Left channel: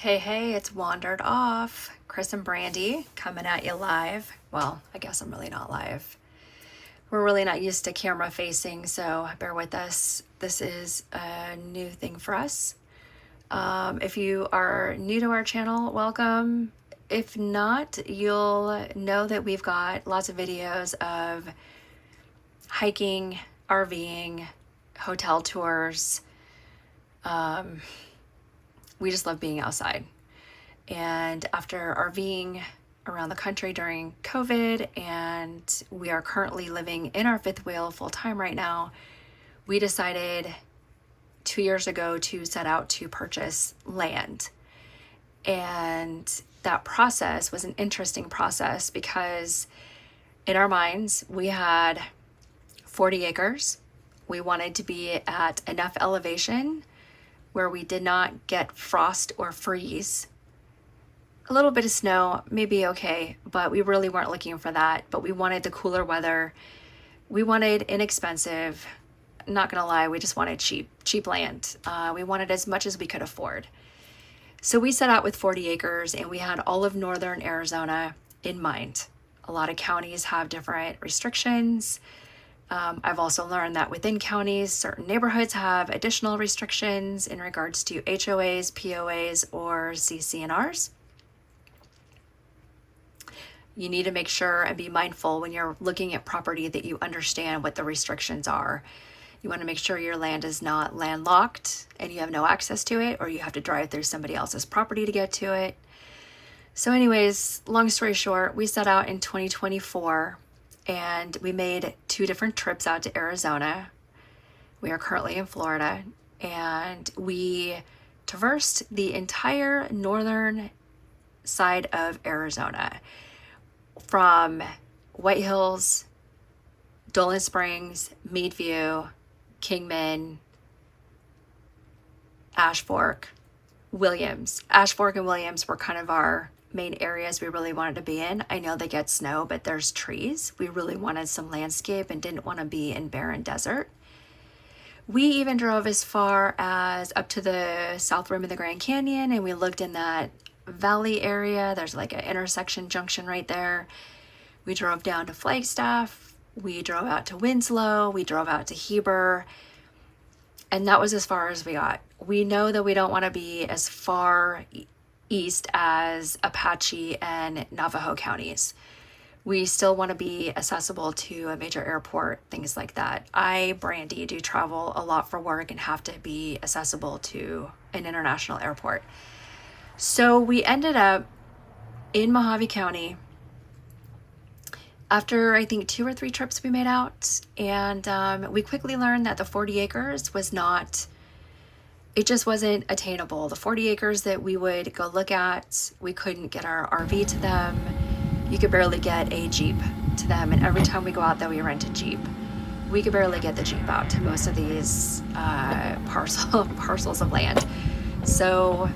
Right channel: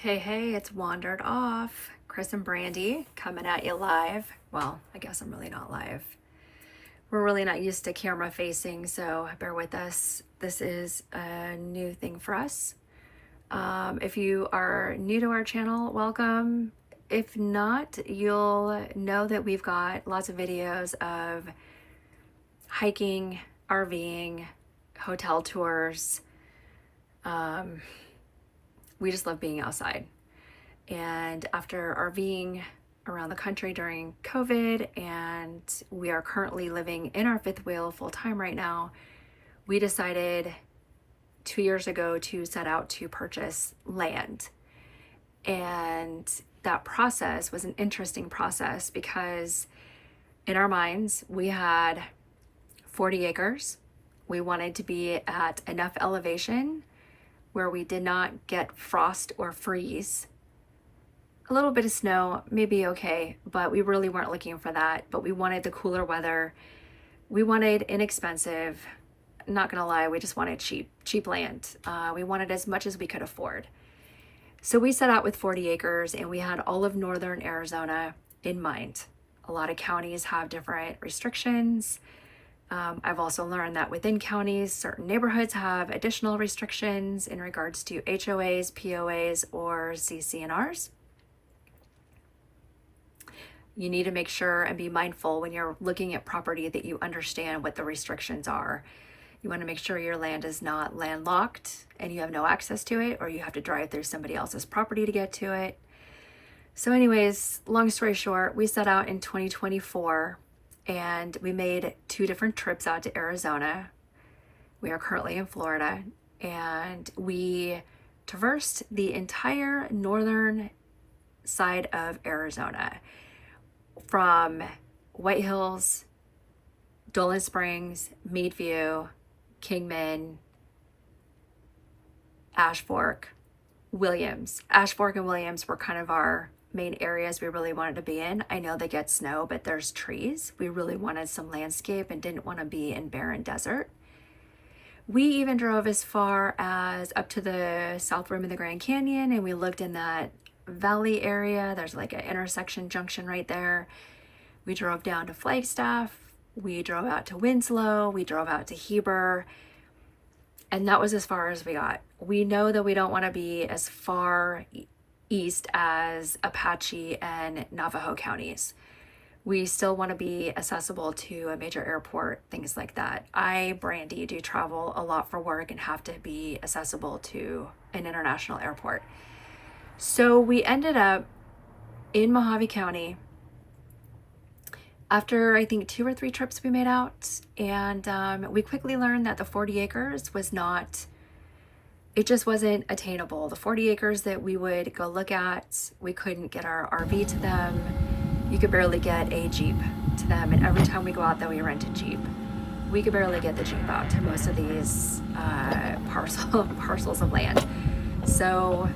Hey, it's Wandered Off. Chris and Brandy coming at you live. Well, I guess I'm really not live. We're really not used to camera facing, so bear with us. This is a new thing for us. If you are new to our channel, welcome. If not, you'll know that we've got lots of videos of hiking, RVing, hotel tours. We just love being outside. And after RVing around the country during COVID, and we are currently living in our fifth wheel full time right now, we decided 2 years ago to set out to purchase land. And that process was an interesting process because in our minds, we had 40 acres. We wanted to be at enough elevation where we did not get frost or freeze. A little bit of snow may be okay, but we really weren't looking for that. But we wanted the cooler weather. We wanted inexpensive. Not gonna lie, we just wanted cheap land. We wanted as much as we could afford. So we set out with 40 acres and we had all of northern Arizona in mind. A lot of counties have different restrictions. I've also learned that within counties, certain neighborhoods have additional restrictions in regards to HOAs, POAs, or CC&Rs. You need to make sure and be mindful when you're looking at property that you understand what the restrictions are. You want to make sure your land is not landlocked and you have no access to it, or you have to drive through somebody else's property to get to it. So anyways, long story short, we set out in 2024 and we made 2 different trips out to Arizona. We are currently in Florida, and we traversed the entire northern side of Arizona from White Hills, Dolan Springs, Meadview, Kingman, Ashfork, Williams. Ashfork and Williams were kind of our main areas we really wanted to be in. I know they get snow, but there's trees. We really wanted some landscape and didn't want to be in barren desert. We even drove as far as up to the south rim of the Grand Canyon, and we looked in that valley area. There's like an intersection junction right there. We drove down to Flagstaff. We drove out to Winslow. We drove out to Heber. And that was as far as we got. We know that we don't want to be as far east as Apache and Navajo counties. We still want to be accessible to a major airport, things like that. Brandy, do travel a lot for work and have to be accessible to an international airport. So we ended up in Mojave County after I think 2 or 3 trips we made out, and we quickly learned that the 40 acres was not, it just wasn't attainable. The 40 acres that we would go look at, we couldn't get our RV to them. You could barely get a Jeep to them, and every time we go out there, we rent a Jeep. We could barely get the Jeep out to most of these parcels of land. So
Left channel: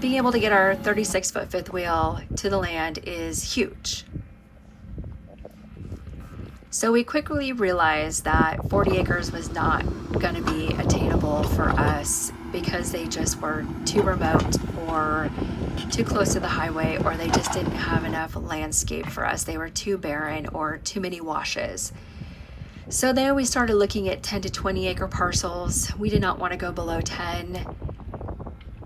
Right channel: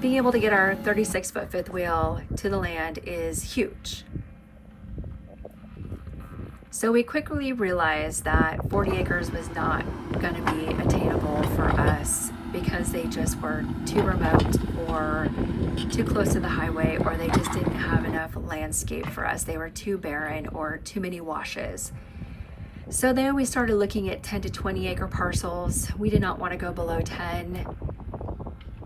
being able to get our 36-foot fifth wheel to the land is huge. So we quickly realized that 40 acres was not going to be attainable for us because they just were too remote or too close to the highway, or they just didn't have enough landscape for us. They were too barren or too many washes. So then we started looking at 10 to 20 acre parcels. We did not want to go below 10.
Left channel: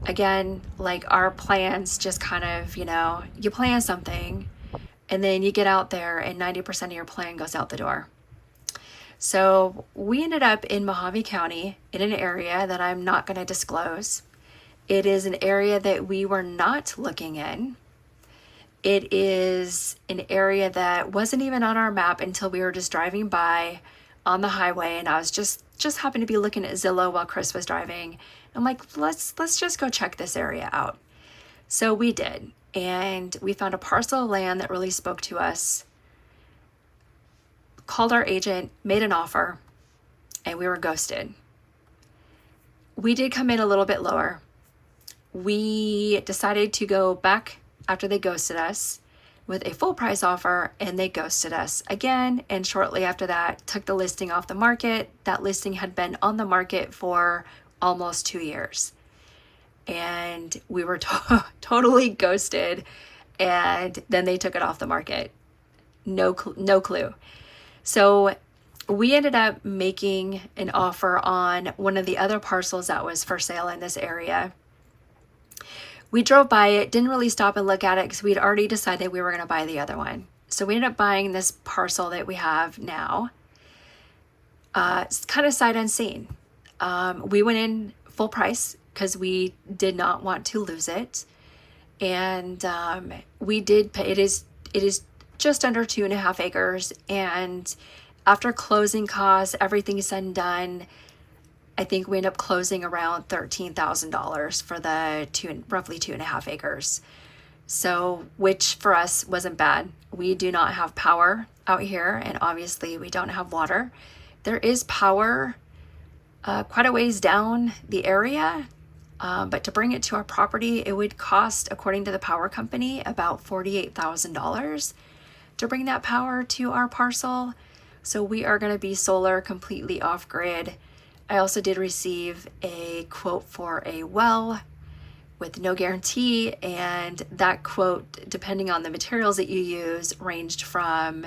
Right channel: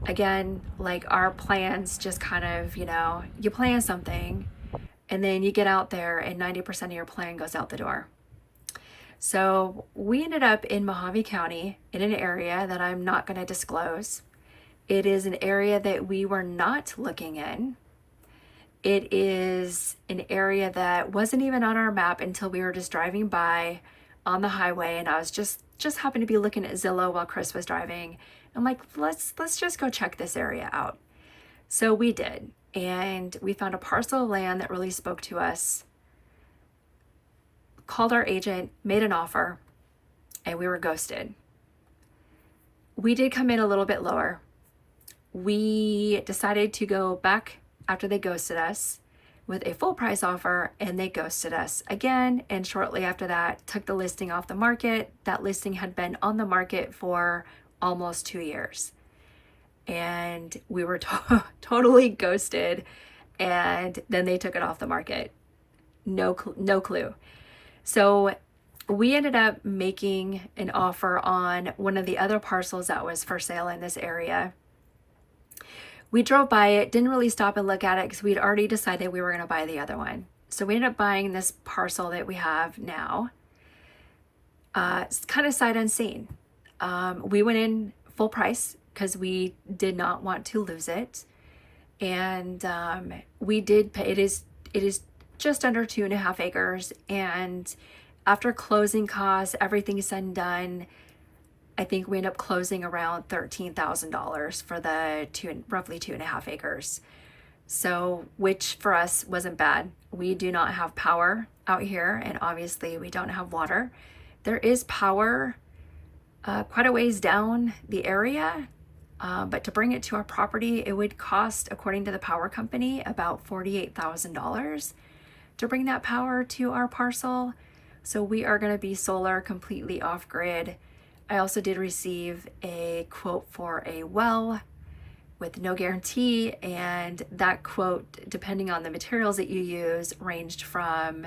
Again, like our plans just kind of, you plan something and then you get out there and 90% of your plan goes out the door. So we ended up in Mojave County in an area that I'm not going to disclose. It is an area that we were not looking in. It is an area that wasn't even on our map until we were just driving by on the highway, and I was just happened to be looking at Zillow while Chris was driving. I'm like, let's just go check this area out. So we did, and we found a parcel of land that really spoke to us. Called our agent, made an offer, and we were ghosted. We did come in a little bit lower. We decided to go back after they ghosted us with a full price offer, and they ghosted us again. And shortly after that, took the listing off the market. That listing had been on the market for almost 2 years. and we were totally ghosted, and then they took it off the market. No clue. So we ended up making an offer on one of the other parcels that was for sale in this area. We drove by it, didn't really stop and look at it because we'd already decided we were going to buy the other one. So we ended up buying this parcel that we have now. It's kind of sight unseen. We went in full price because we did not want to lose it. And we did pay, it is just under 2.5 acres. And after closing costs, everything is said and done, I think we end up closing around $13,000 for the roughly 2.5 acres. So, which for us wasn't bad. We do not have power out here, and obviously we don't have water. There is power quite a ways down the area, but to bring it to our property, it would cost, according to the power company, about $48,000 to bring that power to our parcel. So we are going to be solar, completely off grid. I also did receive a quote for a well with no guarantee, and that quote, depending on the materials that you use, ranged from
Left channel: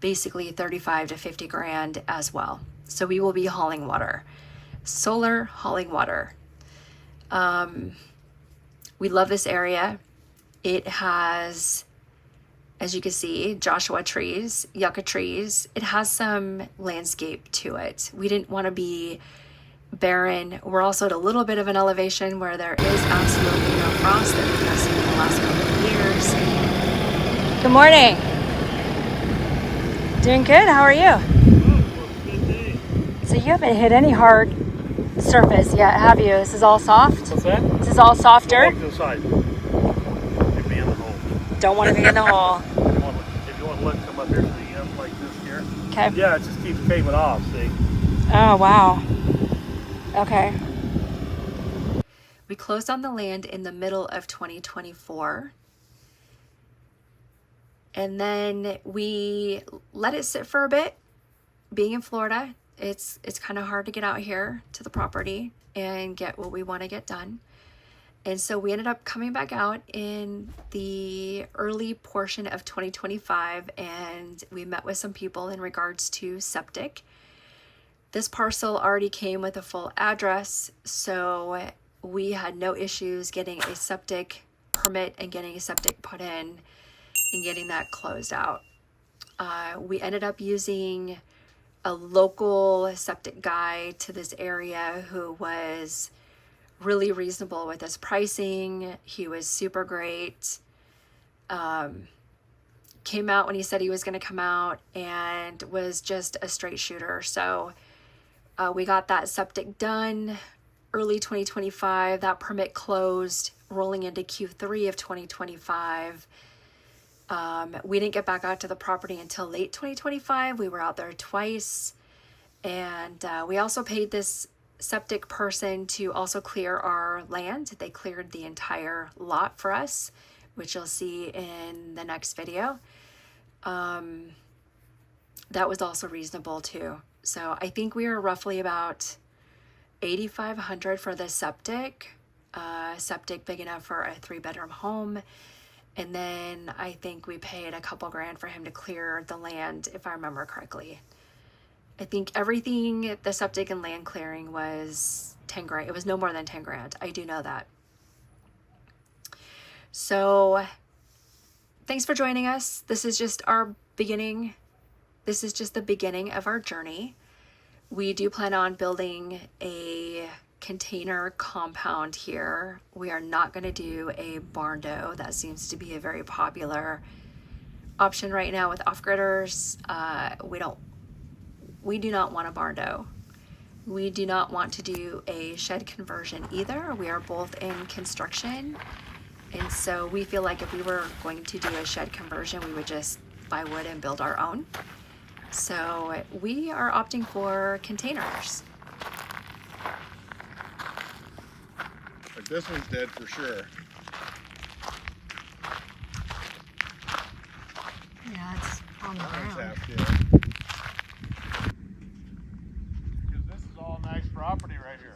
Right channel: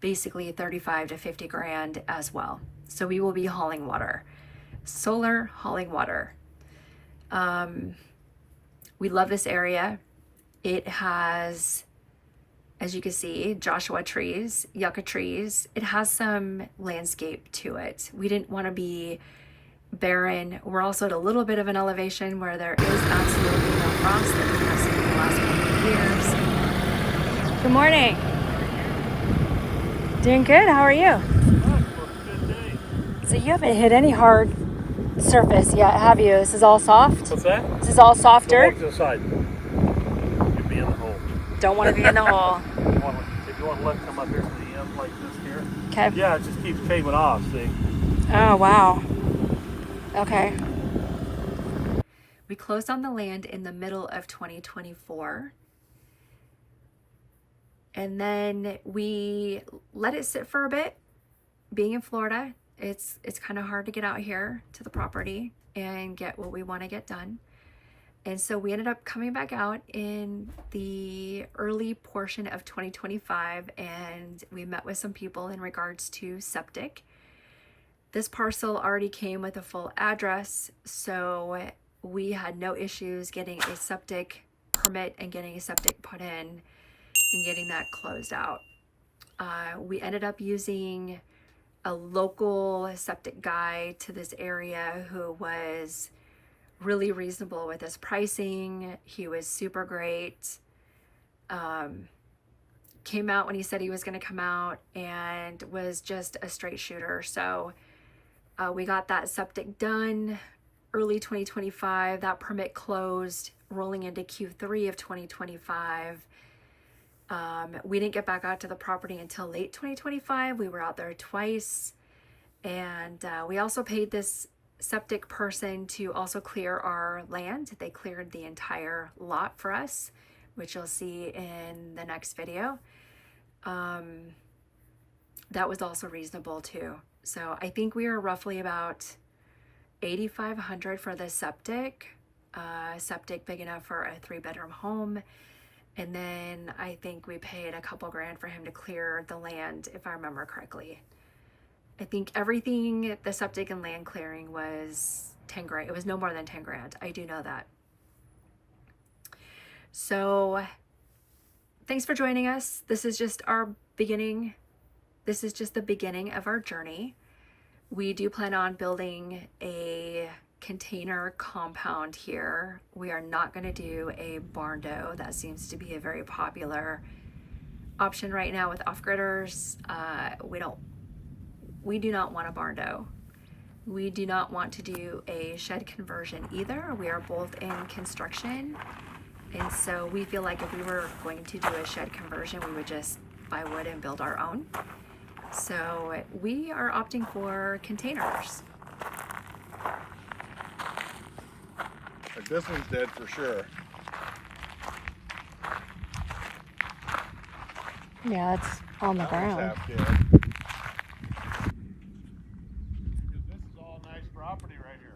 basically 35 to 50 grand as well. So we will be hauling water, solar hauling water. We love this area. It has, as you can see, Joshua trees, yucca trees. It has some landscape to it. We didn't want to be barren. We're also at a little bit of an elevation where there is absolutely no frost that we have seen in the last couple of years. Good morning. Doing good. How are you? So you haven't hit any hard surface yet, have you? This is all soft? What's that? This is all soft dirt? To the side. You'd be in the hole. Don't want to be in the hole. If you want to let it come up here to the end like this here. Okay. Yeah, it just keeps caving off, see? Oh, wow. Okay. We closed on the land in the middle of 2024. And then we let it sit for a bit. Being in Florida, it's kind of hard to get out here to the property and get what we want to get done. And so we ended up coming back out in the early portion of 2025, and we met with some people in regards to septic. This parcel already came with a full address, so we had no issues getting a septic permit and getting a septic put in and getting that closed out. We ended up using a local septic guy to this area who was really reasonable with his pricing. He was super great. Came out when he said he was going to come out and was just a straight shooter. So we got that septic done early 2025. That permit closed rolling into Q3 of 2025. We didn't get back out to the property until late 2025. We were out there twice. And we also paid this septic person to also clear our land. They cleared the entire lot for us, which you'll see in the next video. That was also reasonable too. So I think we were roughly about $8,500 for the septic. Septic big enough for a 3-bedroom home. And then I think we paid a couple grand for him to clear the land, if I remember correctly. I think everything, the septic and land clearing, was 10 grand. It was no more than 10 grand. I do know that. So thanks for joining us. This is just our beginning. This is just the beginning of our journey. We do plan on building a container compound here. We are not going to do a barn dough. That seems to be a very popular option right now with off-gridders. We do not want a barn dough. We do not want to do a shed conversion either. We are both in construction. And so we feel like if we were going to do a shed conversion, we would just buy wood and build our own. So we are opting for containers. This one's dead for sure. Yeah, it's on the ground. This is all nice property right here.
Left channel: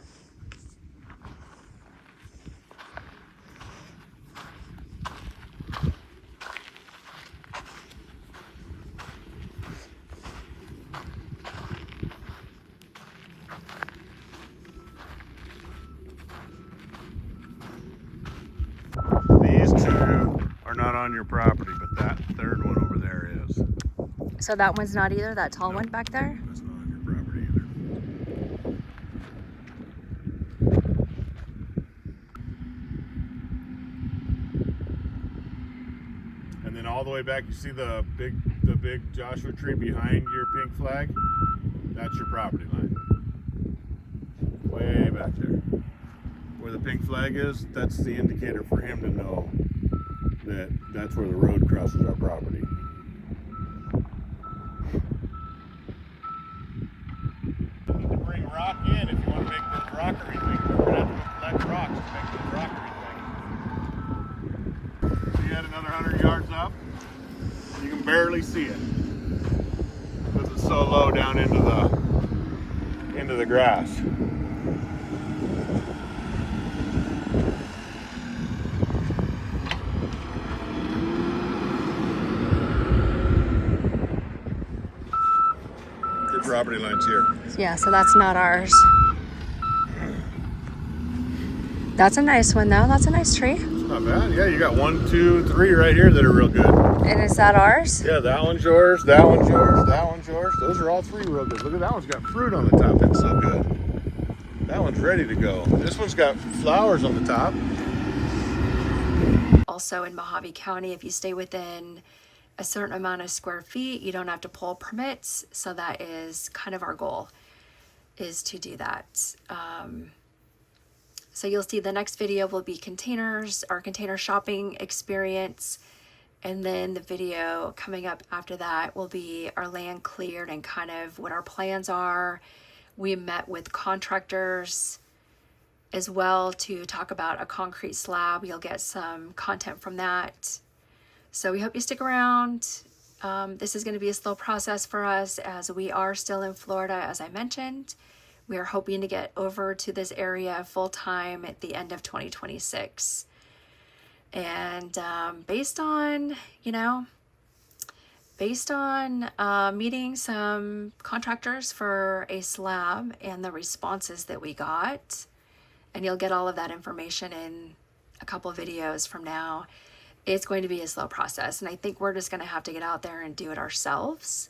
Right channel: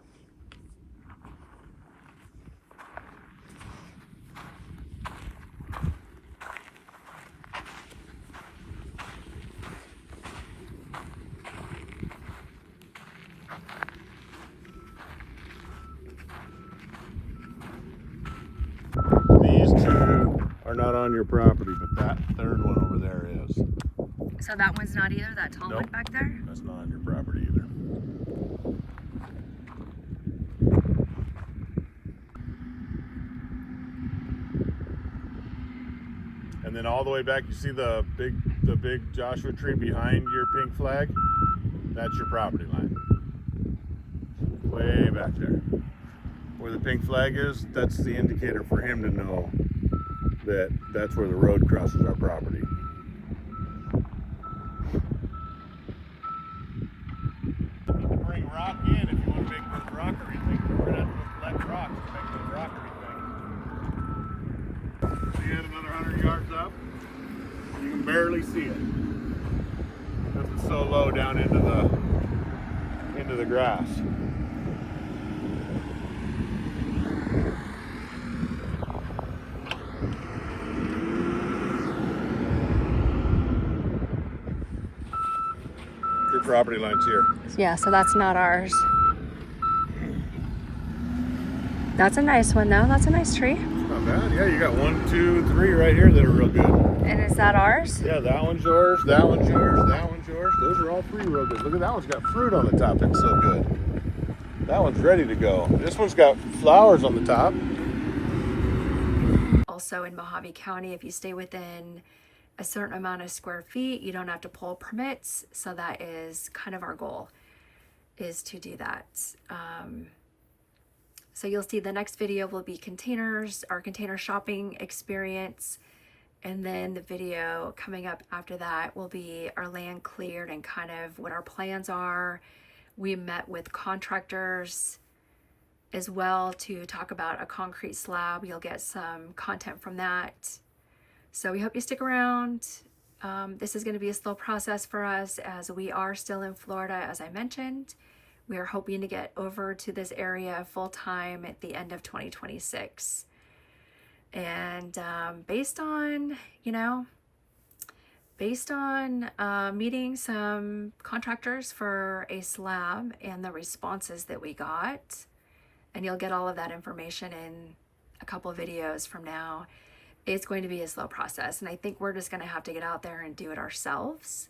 on your property, but that third one over there is. So that one's not either, that tall Nope. one back there? That's not on your property either. And then all the way back, you see the big Joshua tree behind your pink flag? That's your property line. Way back there. Where the pink flag is, that's the indicator for him to know that that's where the road crosses our property. You need to bring rock in if you want to make those rockery things. We're going to have to collect rocks to make those rockery things. You got another 100 yards up. You can barely see it because it's so low down into the grass. Your property line's here. Yeah, so that's not ours. That's a nice one though. That's a nice tree. It's not bad. Yeah, you got 1, 2, 3 right here that are real good. And is that ours? Yeah, that one's yours, that one's yours, that one's yours. Those are all 3 real good. Look at that one's got fruit on the top. It's so good. That one's ready to go. This one's got flowers on the top. Also in Mojave County, if you stay within a certain amount of square feet, you don't have to pull permits. So that is kind of our goal, is to do that. So you'll see the next video will be containers, our container shopping experience. And then the video coming up after that will be our land cleared and kind of what our plans are. We met with contractors as well to talk about a concrete slab. You'll get some content from that. So we hope you stick around. This is going to be a slow process for us as we are still in Florida, as I mentioned. We are hoping to get over to this area full time at the end of 2026. And based on meeting some contractors for a slab and the responses that we got, and you'll get all of that information in a couple of videos from now, it's going to be a slow process. And I think we're just going to have to get out there and do it ourselves.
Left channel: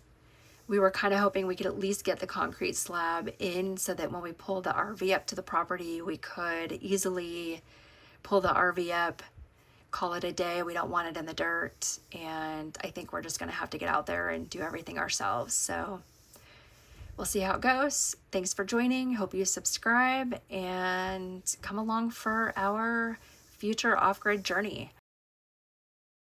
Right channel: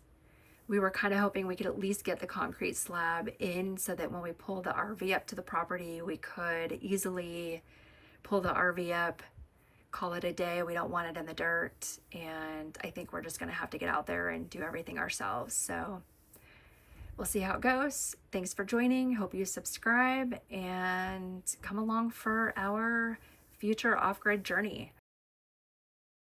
We were kind of hoping we could at least get the concrete slab in so that when we pull the RV up to the property, we could easily pull the RV up, call it a day. We don't want it in the dirt. And I think we're just going to have to get out there and do everything ourselves. So we'll see how it goes. Thanks for joining. Hope you subscribe and come along for our future off-grid journey.